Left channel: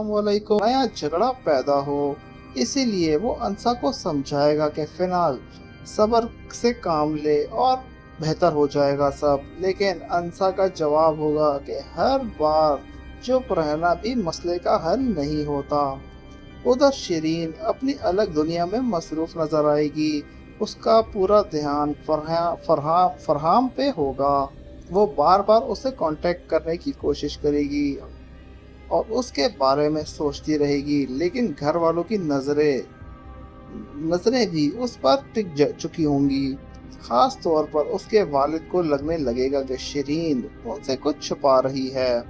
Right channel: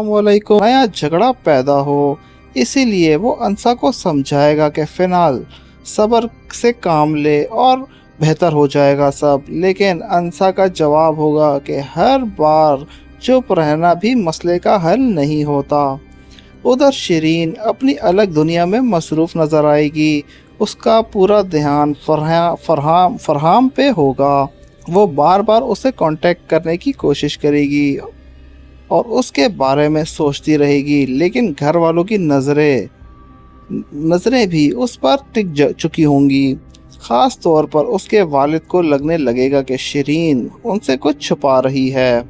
वालेकुम नया झगड़ा पैदा हो। इसीलिए वो अंसा को समझाएगा कि फिलहाल सब्र से काम ले और बेहतर हो जाएगा सब। लेकिन अंसा का जवाब होगा कि हर बार चुप रहना भी मसले का हल नहीं होता। उधर शिरीन अपनी अलग दुनिया में मसरूफ नजर आएगी। उसका पूरा ध्यान फरहाम पे होगा। वो बार बार उसे कांटेक्ट करने की कोशिश करेगी और उसके बारे में सोचती रहेगी, लेकिन घर वालों की नज़रें नज़रें भी उस पर चुकी होंगी। ख़ास तौर पर उसके वालिद को लगने लगेगा कि शिरीन उनसे कुछ छुपा रही है।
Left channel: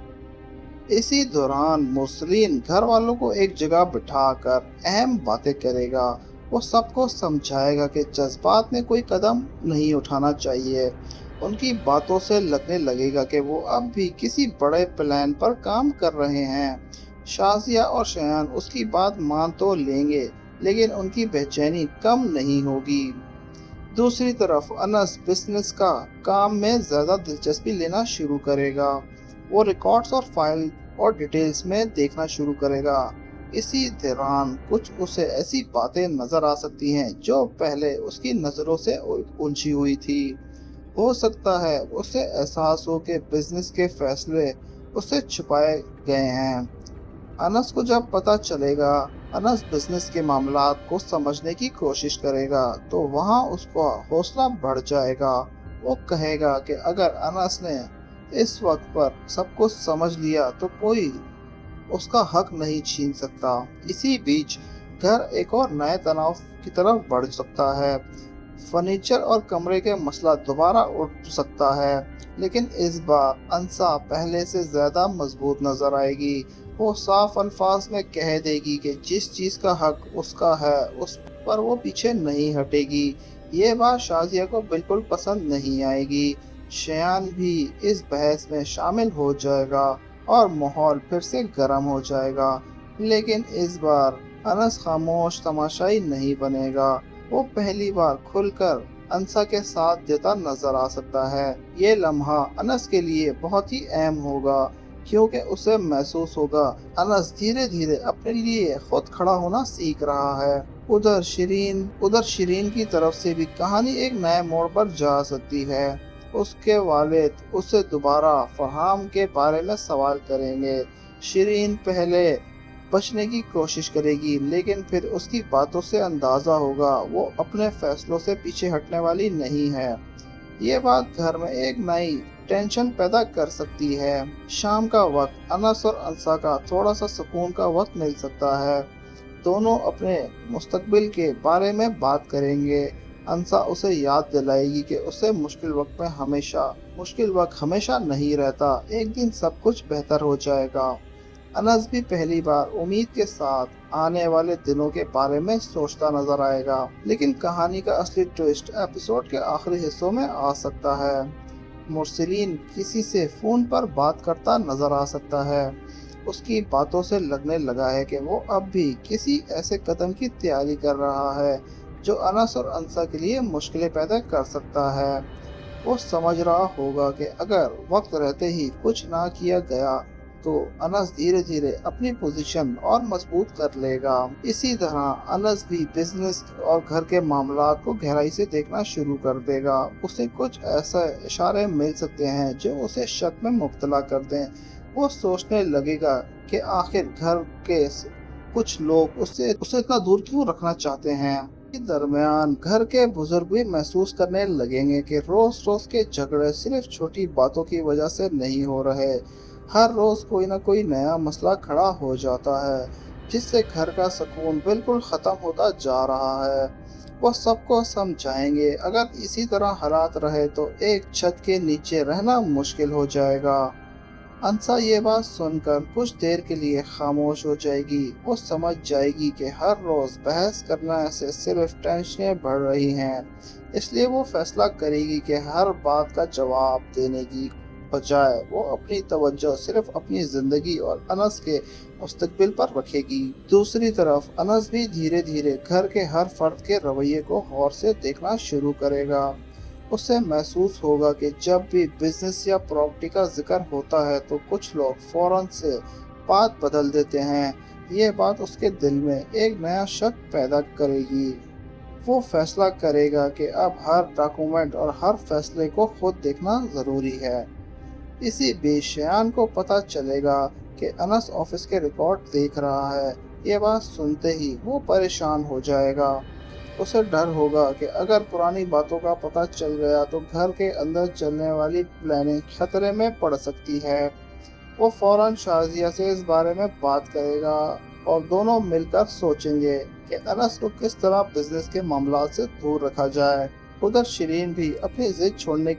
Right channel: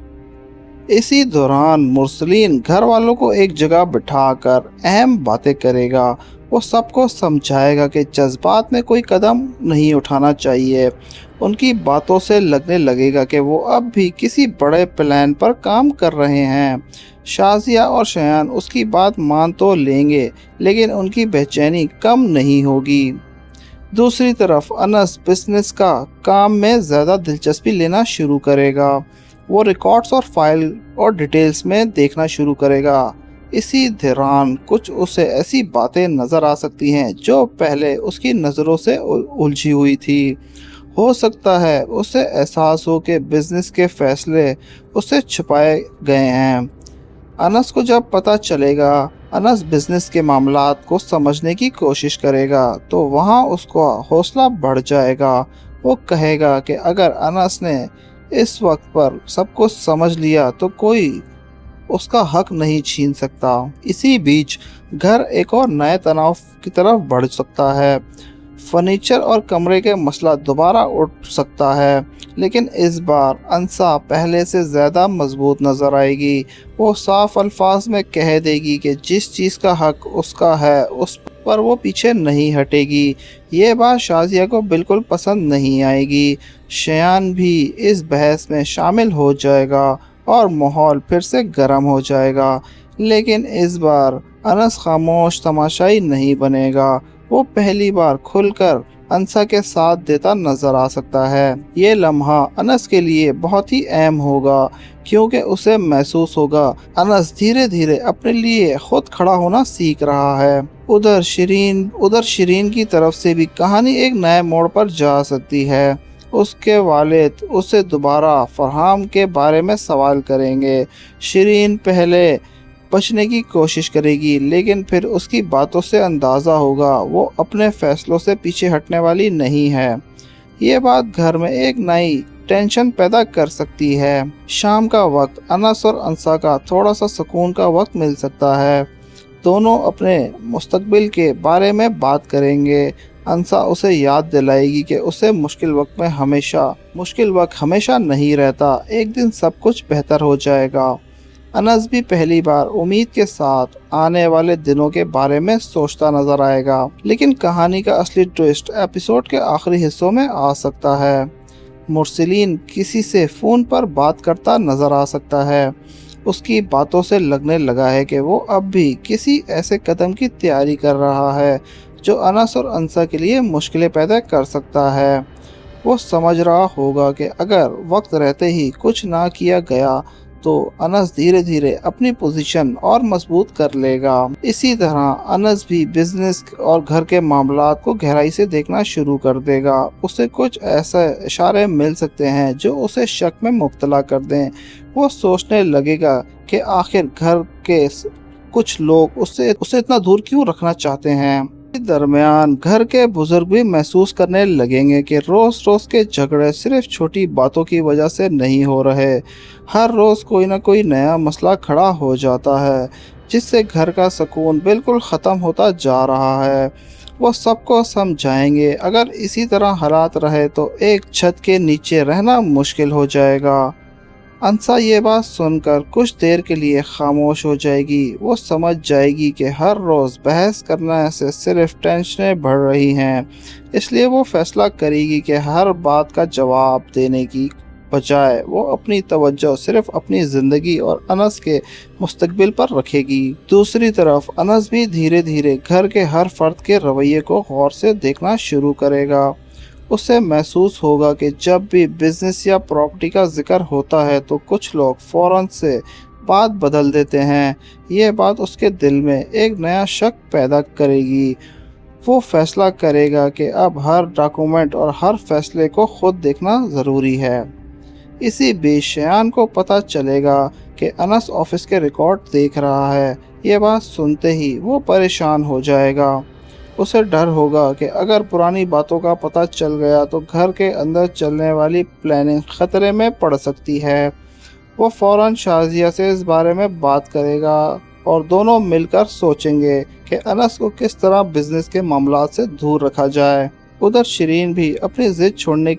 इसी दौरान मुरसलीन घर वालों को एक जगह बिठाकर अहम बातें करेगा। वो सबको समझाएगा कि जज्बात में कोई कदम नहीं उठाना चाहिए। उनकी बातों से लगने लगेगा कि वो अब भी किसी बड़े प्लान पर काम कर रहे हैं। शाजिया और शयान उसकी बात मान तो लेंगे, लेकिन उनकी बेचैनी कम नहीं होगी। दूसरी तरफ अनस बिजनेस का काम में ज़्यादा दिलचस्पी लेना शुरू करेगा। वो रिकॉर्ड्स और फाइल और डिटेल्स में देखना शुरू करेगा। इसी दौरान कुछ उसे ऐसी बातें नज़र आ सकती हैं जो पहले उसकी नज़रों से उलझी हुई थी। हो सकता है उसे एहसास हो कि बिजनेस के फैसले उससे छुपाए गए हैं। अनस को जब पता चलेगा, अनस बिजनेस के मामलात को समझने की कोशिश करेगा, तो वहाँ उसका हौसला बढ़ जाएगा। वो कहेगा कि अगर अनस ने इस वक्त पर सब कुछ समझ लिया तो कोई उसका हक नहीं छीन सकता। इसी बीच घर एक और नए तनाव की तरफ बढ़ सकता है। फर्नीचर और कमरे के मसला दोबारा उठ सकता है, लेकिन इस बार अंसा पहले से ज़्यादा मजबूत नज़र आएगी। वो साफ अल्फाज में कह देगी कि जिस चीज़ का हक उसका है उस पर वो पीछे नहीं हटेगी। ये बात शाजिया को बिल्कुल पसंद नहीं आएगी। शयान भी इस बहस में शामिल हो जाएगा और माहौल फिर से गर्म हो जाएगा। लेकिन इस बार अनस खामोश तमाशाई नहीं बनेगा। वो पहली बार खुलकर अंसा के साथ देता नजर आ सकता है। ये लम्हा अनस के लिए बहुत ही अहम होगा, क्योंकि उसे महसूस होगा अनस धीरे धीरे अपने लिए खुद खड़ा होना सीख रहा है। उधर शिरीन की तरफ से भी कहानी एक नए मोड़ पर जा सकती है। उसके वालिद उसे दोबारा फरहाम के बारे में सवाल करेंगे। शिरीन पहले बचने की कोशिश करेगी, लेकिन फिर उसकी बातों से अंदाज़ा होगा वो अपने फैसलों से पीछे हटने वाली नहीं है। ये बात घर में एक नई टेंशन पैदा कर सकती है। शाम का वक्त अनस और अंसा का थोड़ा सा सुकून का वक्त मिल सकता है। दोनों अपने मुस्तकबिल के बारे में बात करेंगे। अंसा उसे याद दिलाएगी कि उसे मुश्किल वक्त हमेशा नहीं रहता, एक दिन सब कुछ बेहतर हो जाएगा। अनस भी पहली बार उम्मीद के साथ आने वाले दिनों के बारे में सोचता नजर आएगा, लेकिन कहानी का असली ट्विस्ट एपिसोड के आखिरी हिस्सों में आ सकता है। मुरसलीन किसी से फ़ोन पर बात करता नजर आ सकता है। उसकी बातों से लगने लगा है कि वो अब भी किसी ऐसे कदम की तैयारी कर रहा है जो अनस और अंसा के लिए मुश्किलें पैदा कर सकता है। वो समझ रहा होगा कि अगर वक्त रहते ही कुछ ना किया गया तो अनस धीरे धीरे अपनी पोजीशन और मजबूत कर लेगा। इसी तरह अनस भी बिजनेस और घर के मामलात को गहराई से देखना शुरू कर देगा। उसे कुछ ऐसे इशारे मिल सकते हैं जो उसे शक में मुब्तला कर दें। वो सोचने लगेगा कि आखिर घर के कुछ लोग उसे इतना दूर क्यों रखना चाहते हैं। इस दरमियान घर के बुजुर्ग भी महसूस करने लगेंगे कि रोज रोज के झगड़े सिर्फ छोटी बातों की वजह से नहीं हो रहे। हर रोज कोई ना कोई नया मसला खड़ा हो जाता है, जिससे घर का सुकून बिल्कुल ख़त्म होता जा रहा है। वो सबको समझाएंगे अगर इसी तरह हालात रहे तो एक छत के नीचे रहना मुश्किल हो जाएगा। अंसा ये बात सुनकर कुछ देर के लिए खामोश हो जाएगी। वो समझ जाएगी कि हर रोज़ बहस करने से सिर्फ टेंशनें बढ़ रही हैं। इसलिए वो फैसला करेगी कि हर बात का जवाब देने की बजाय वो अपनी तवज्जो सिर्फ अपनी ज़िंदगी और अनस के मुस्तकबिल पर रखेगी। दूसरी तरफ अनस भी धीरे धीरे घर के हर फर्द के रवैये को गौर से देखना शुरू करेगा। उसे महसूस होगा कि जब भी बिजनेस या प्रॉपर्टी का जिक्र होता है तो कुछ लोग फौरन से بات بدل دیتے ہیں۔ یہ بات اس کے دل میں ایک نیا شک پیدا کرے گی۔ وہ فیصلہ کرے گا کہ اب ہر ڈاکومنٹ اور ہر فیصلے کو خود دیکھنا ضروری ہے۔ اسی بیچ شایان کو پتہ چلے گا کہ انس آفس کے ریکارڈ دیکھ رہا ہے۔ یہ بات سنتے ہی وہ پریشان ہو جائے گا۔ اسے ڈر ہوگا کہ اگر پرانی باتوں کا پتہ چل گیا تو گھر کے اندر چلنے والی پلاننگ خطرے میں پڑ سکتی ہے۔ وہ فوراً شازیہ سے اس بارے میں بات کرے گا اور دونوں مل کر سوچیں گے کہ انس کو کس طرح بزنس کے معاملات سے دور رکھا جائے۔ ادھر شرین بھی اپنی ضد چھوڑنے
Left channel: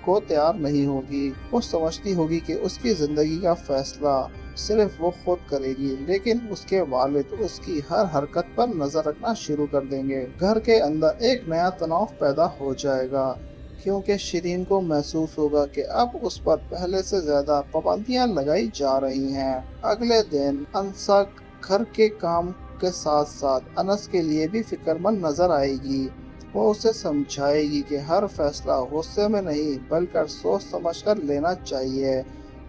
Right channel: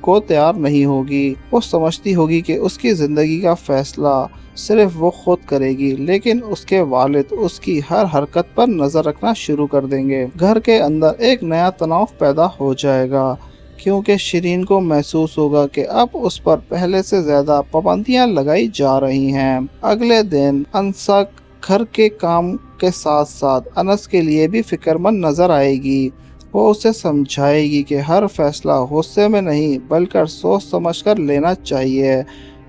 کو تیار نہیں ہوگی۔ وہ سمجھتی ہوگی کہ اس کی زندگی کا فیصلہ صرف وہ خود کرے گی، لیکن اس کے والد اس کی ہر حرکت پر نظر رکھنا شروع کر دیں گے۔ گھر کے اندر ایک نیا تناؤ پیدا ہو جائے گا، کیونکہ شرین کو محسوس ہوگا کہ اب اس پر پہلے سے زیادہ پابندیاں لگائی جا رہی ہیں۔ اگلے دن انسا گھر کے کام کے ساتھ ساتھ انس کے لیے بھی فکر مند نظر آئے گی۔ وہ اسے سمجھائے گی کہ ہر فیصلہ غصے میں نہیں بلکہ سوچ سمجھ کر لینا چاہیے۔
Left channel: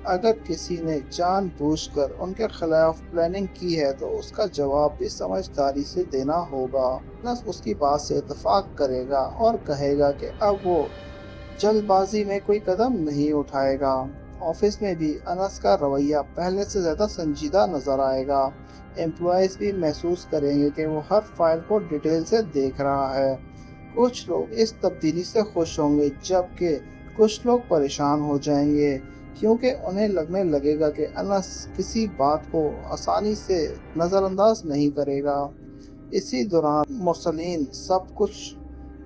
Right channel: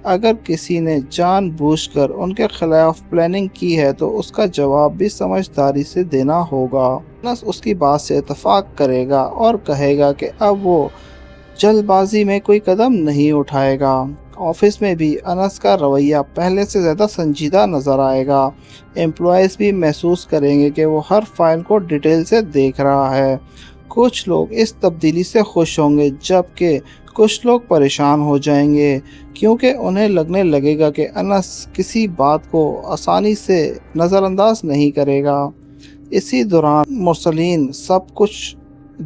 اگر کسی نے جان بوجھ کر ان کے خلاف پلاننگ کی ہے تو اس کا جواب بھی سمجھداری سے دینا ہوگا۔ انس اس کی بات سے اتفاق کرے گا اور کہے گا کہ اب وہ جلد بازی میں کوئی قدم نہیں اٹھائے گا۔ آفس میں بھی انس کا رویہ پہلے سے زیادہ سنجیدہ نظر آئے گا۔ امپلائیز بھی محسوس کریں گے کہ وہ ہر فائل کو ڈیٹیل سے دیکھ رہا ہے۔ کچھ لوگ اس تبدیلی سے خوش ہوں گے جبکہ کچھ لوگ پریشان ہو جائیں گے، کیونکہ انہیں لگنے لگے گا کہ انس کسی بات کو آسانی سے نظر انداز نہیں کرے گا۔ اسی دوران مرسلین سب کچھ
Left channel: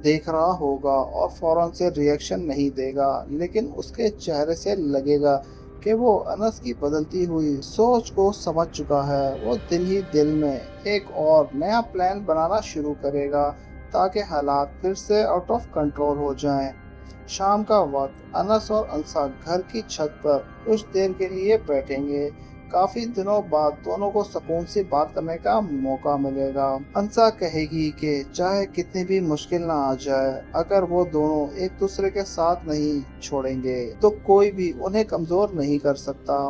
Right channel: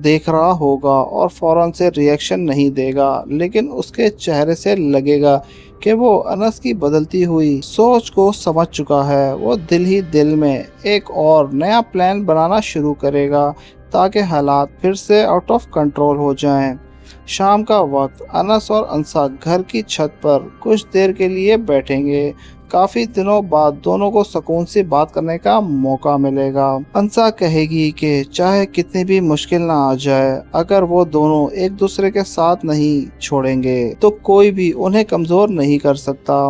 دیکھ رہا ہوگا اور فوراً سے ری ایکشن نہیں دے گا، لیکن اس کے چہرے سے لگے گا کہ وہ انس کی بدلتی ہوئی سوچ کو سمجھ چکا ہے۔ وہ دل ہی دل میں ایک اور نیا پلان بنانا شروع کرے گا تاکہ حالات پھر سے آؤٹ آف کنٹرول ہو جائیں۔ شام کا وقت انس اور انسا گھر کی چھت پر کچھ دیر کے لیے بیٹھیں گے۔ کافی دنوں بعد دونوں کو سکون سے بات کرنے کا موقع ملے گا۔ انسا کہے گی کہ چاہے کتنی بھی مشکل نہ آ جائے، اگر وہ دونوں ایک دوسرے کے ساتھ نہیں چھوڑیں گے تو کوئی بھی انہیں کمزور نہیں کر سکتا۔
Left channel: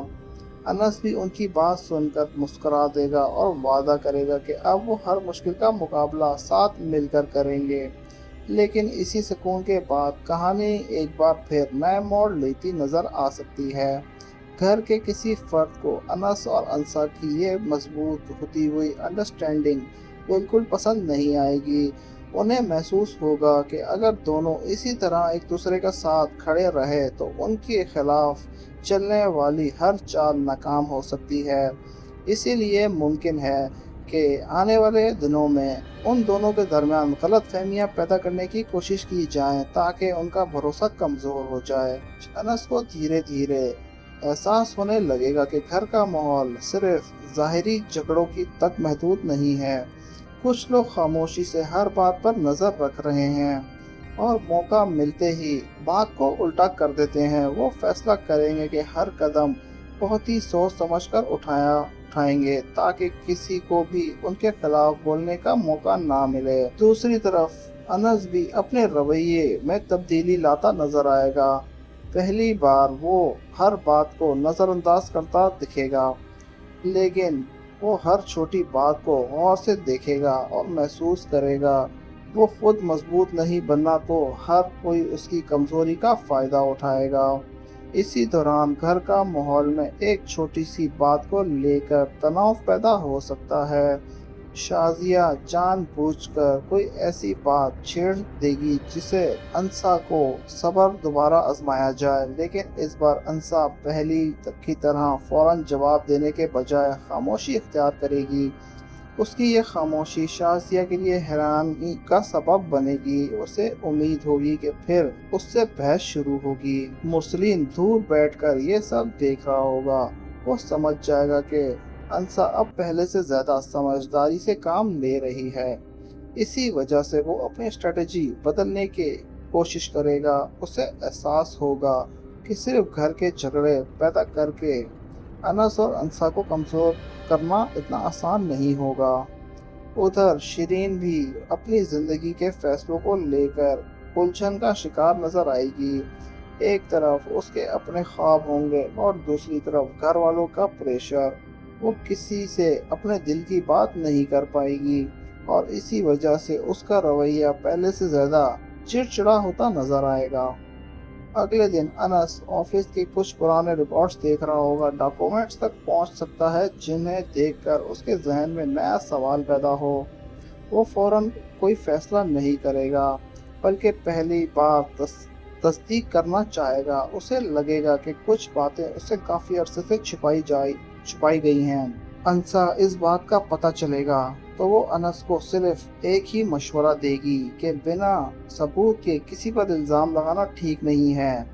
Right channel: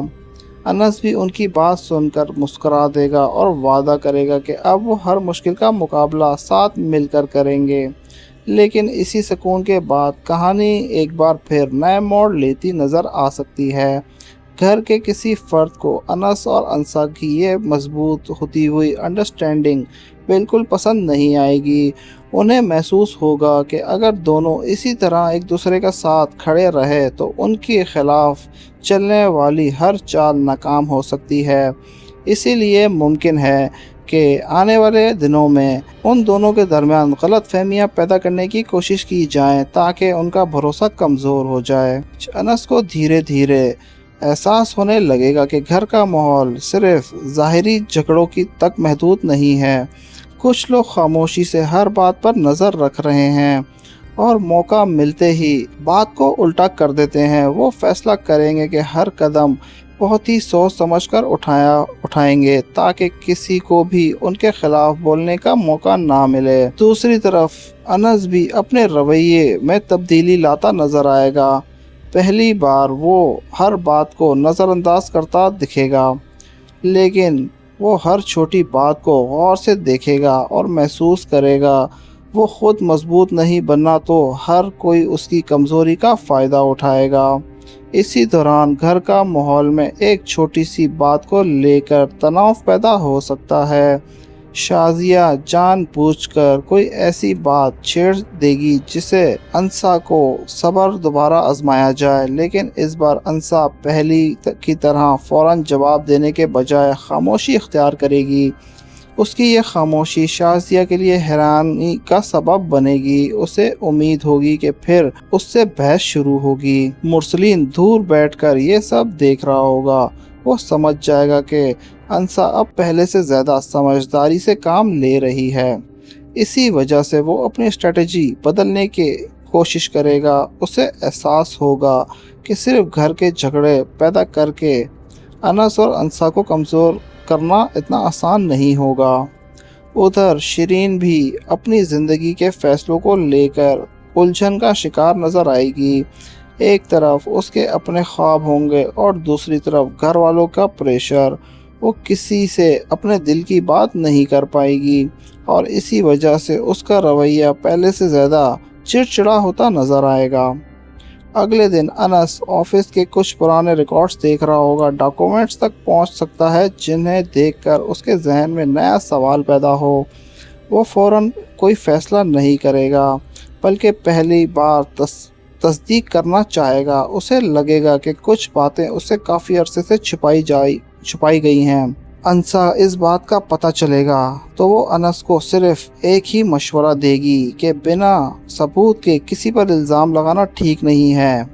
انس بھی ان کی بات سن کر مسکرا دے گا اور وعدہ کرے گا کہ اب وہ ہر مشکل کا مقابلہ ساتھ مل کر کریں گے۔ لیکن اسی سکون کے بعد کہانی ایک بار پھر نئے موڑ لیتی نظر آ سکتی ہے۔ گھر کے کسی فرد کو انس اور انسا کی یہ مضبوط ہوتی ہوئی انڈرسٹینڈنگ بالکل پسند نہیں آئے گی۔ انہیں محسوس ہوگا کہ اگر دونوں اسی طرح ایک دوسرے کا ساتھ کھڑے رہے تو ان کے خلاف چلنے والی ہر چال ناکام ہو سکتی ہے۔ اسی لیے ممکن ہے کہ آنے والے دنوں میں ان دونوں کے درمیان غلط فہمیاں پیدا کرنے کی کوشش کی جائیں تاکہ ان کا بھروسہ کمزور ہو جائے۔ انس کو دھیرے دھیرے احساس ہونے لگے گا کہ گھر کا ماحول صرف ظاہری جھگڑوں کی تک محدود نہیں ہے۔ کچھ لوگ خاموشی سے ہر بات پر نظر رکھ رہے ہیں اور موقع ملتے ہی بات کو الٹا کر دیتے ہیں۔ وہ فیصلہ کریں گے کہ ہر قدم بہت ہی سوچ سمجھ کر اٹھائیں گے تاکہ کسی کو بھی ان کے خلاف بولنے کا موقع نہ ملے۔ دوسری طرف انس بھی اپنے رویے میں تبدیلی لاتا نظر آئے گا۔ پہلی بار وہ ہر بات کو نظر انداز کرتا دکھے گا، لیکن وہ ہر چھوٹی بات کو غور سے دیکھے گا اور محسوس کرے گا وہ خود مضبوط نہیں بننا تو ہر کوئی اس کی کمزوری کا فائدہ اٹھائے گا۔ اسی دوران گھر کا ماحول میں ایک چھوٹی سی بات کو لے کر تناؤ پیدا ہو سکتا ہے۔ شازیہ جان بوجھ کر کوئی ایسی بات چھیڑ دے گی جسے انسا کو صبر دوبارہ آزمایا جائے، لیکن اس بار انسا پہلی کی طرح فوراً جواب دینے کے بجائے خاموشی اختیار کرے گی۔ اس کی یہ خاموشی شازیہ کے لیے حیرانی کا سبب بنے گی۔ اسے امید ہوگی کہ پھر اس سے بحث شروع ہوگی۔ مرسلین دور بیٹھ کر یہ سب دیکھ رہا ہوگا۔ وہ سمجھ جائے گا کہ انسا اب پہلے سے زیادہ سمجھداری سے کام لے رہی ہے، اسی وجہ سے وہ اپنی اسٹریٹجی بدلنے کی کوشش کرے گا۔ اسے احساس ہوگا کہ صرف گھر کے جھگڑے پیدا کر کے انس اور انسا کو کمزور کرنا اتنا آسان نہیں ہوگا۔ ادھر شرین بھی اپنی زندگی کے فیصلوں کو لے کر الجھن کا شکار نظر آئے گی۔ ایک طرف اس کے اپنے خواب ہوں گے اور دوسری طرف گھر والوں کا پریشر۔ वो किसी से अपने दिल की बात नहीं कर पाएगी और इसी वजह से उसका रवैया पहले से ज़्यादा चिड़चिड़ा होता नज़र आएगा। अगले दिन अनस ऑफिस के कुछ पुराने रिकॉर्ड्स देख रहा होगा। डॉक्यूमेंट्स तक पहुंच सकता है जिन्हें देखकर उसके जहन में नया सवाल पैदा हो। वो फौरन कोई फैसला नहीं करेगा, बल्कि पहली बार तस्दीक करना चाहेगा। उसे लगेगा कि कुछ बातें उससे काफ़ी अरसे से छुपाई गई हैं। अंसा इस बात का पता चलेगा तो वो अनस को सिर्फ एक ही मशवरा देगी कि बिना सबूत के किसी पर इल्ज़ाम लगाना ठीक नहीं है।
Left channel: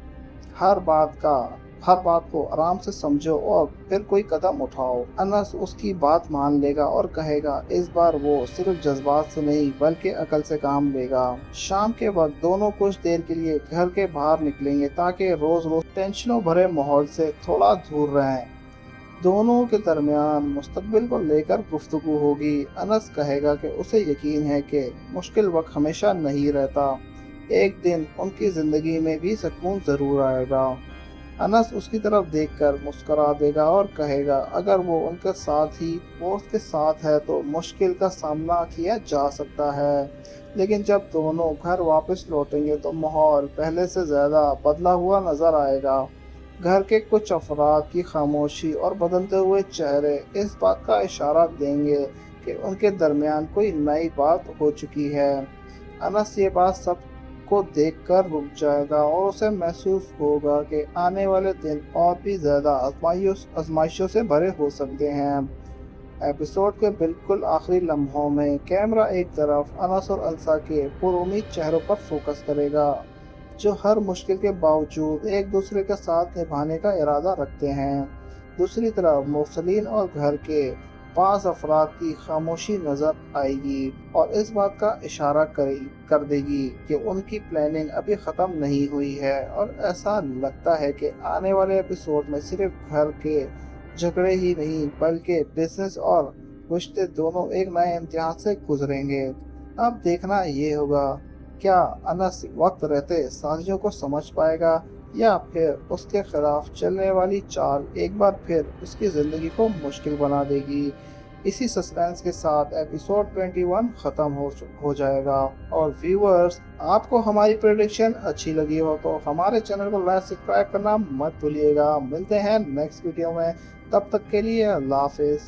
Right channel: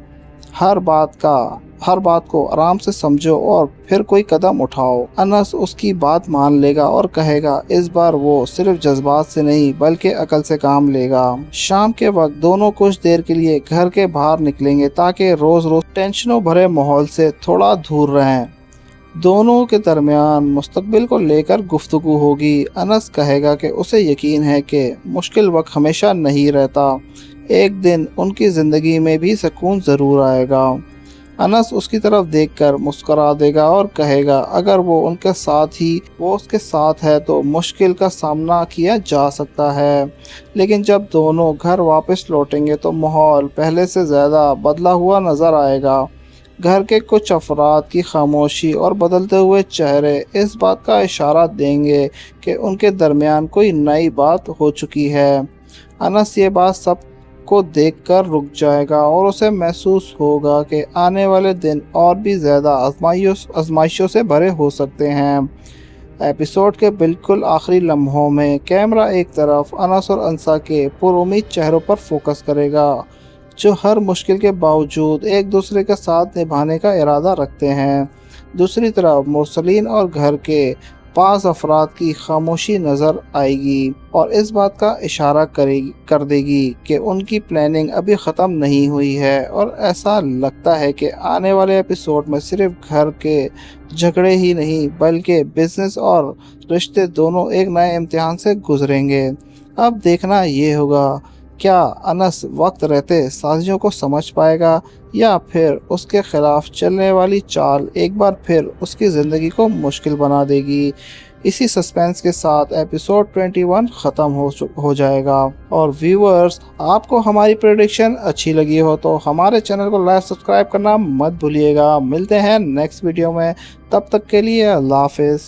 हर बात को आराम से समझो और फिर कोई कदम उठाओ। अनस उसकी बात मान लेगा और कहेगा इस बार वो सिर्फ जज्बात से नहीं बल्कि अकल से काम लेगा। शाम के वक्त दोनों कुछ देर के लिए घर के बाहर निकलेंगे ताकि रोज़ रोज़ टेंशनों भरे माहौल से थोड़ा दूर रहें। दोनों के दरमियान मुस्तकबिल को लेकर गुफ्तगू होगी। अनस कहेगा कि उसे यकीन है कि मुश्किल वक्त हमेशा नहीं रहता, एक दिन उनकी ज़िंदगी में भी सुकून ज़रूर आएगा। अनस उसकी तरफ देखकर मुस्करा देगा और कहेगा अगर वो उसके साथ है तो मुश्किल का सामना किया जा सकता है। लेकिन जब दोनों घर वापस लौटेंगे तो माहौल पहले से ज़्यादा बदला हुआ नज़र आएगा। घर के कुछ अफराद की खामोशी और बदलते हुए चेहरे इस बात का इशारा देंगे कि उनके दरमियान कोई नई बात हो चुकी है। अनस ये बात सब को देखकर रुक जाएगा और उसे महसूस होगा कि आने वाले दिन और भी ज़्यादा आजमाइशों से भरे हो सकते हैं। एपिसोड के बिल्कुल आखिरी लम्हों में कैमरा एक तरफ अनस और अंसा के पुरुमीद चेहरों पर फोकस करेगा, जो हर मुश्किल के बावजूद एक दूसरे का साथ निभाने का इरादा रखते हैं। दूसरी तरफ मुरसलीन और घर के 5 अफराद की खामोशी नज़र आएगी और इस बात का इशारा कर देगी कि उनकी प्लानिंग अभी ख़त्म नहीं हुई है और ऐसा लगता है कि आने वाले एपिसोड में सिर्फ घर के झगड़े ही नहीं बल्कि बिजनेस और रिश्ते दोनों एक नए इम्तिहान से गुजरेंगे। अब देखना ये होगा क्या अनस वक्त रहते साजियों को समझ पाएगा या फिर उसके खिलाफ चलने वाली चाल एक बार फिर उसकी ज़िंदगी को मुश्किल बना देगी। इसी सस्पेंस के साथ एपिसोड 21 ख़त्म हो जाएगा। और व्यूअर्स, आपको हमारी प्रेडिक्शन अच्छी लगी हो तो हमारे चैनल को लाइक सब्सक्राइब करना मत भूलिएगा। मिलते हैं नेक्स्ट वीडियो में, तब तक के लिए अल्लाह हाफिज़।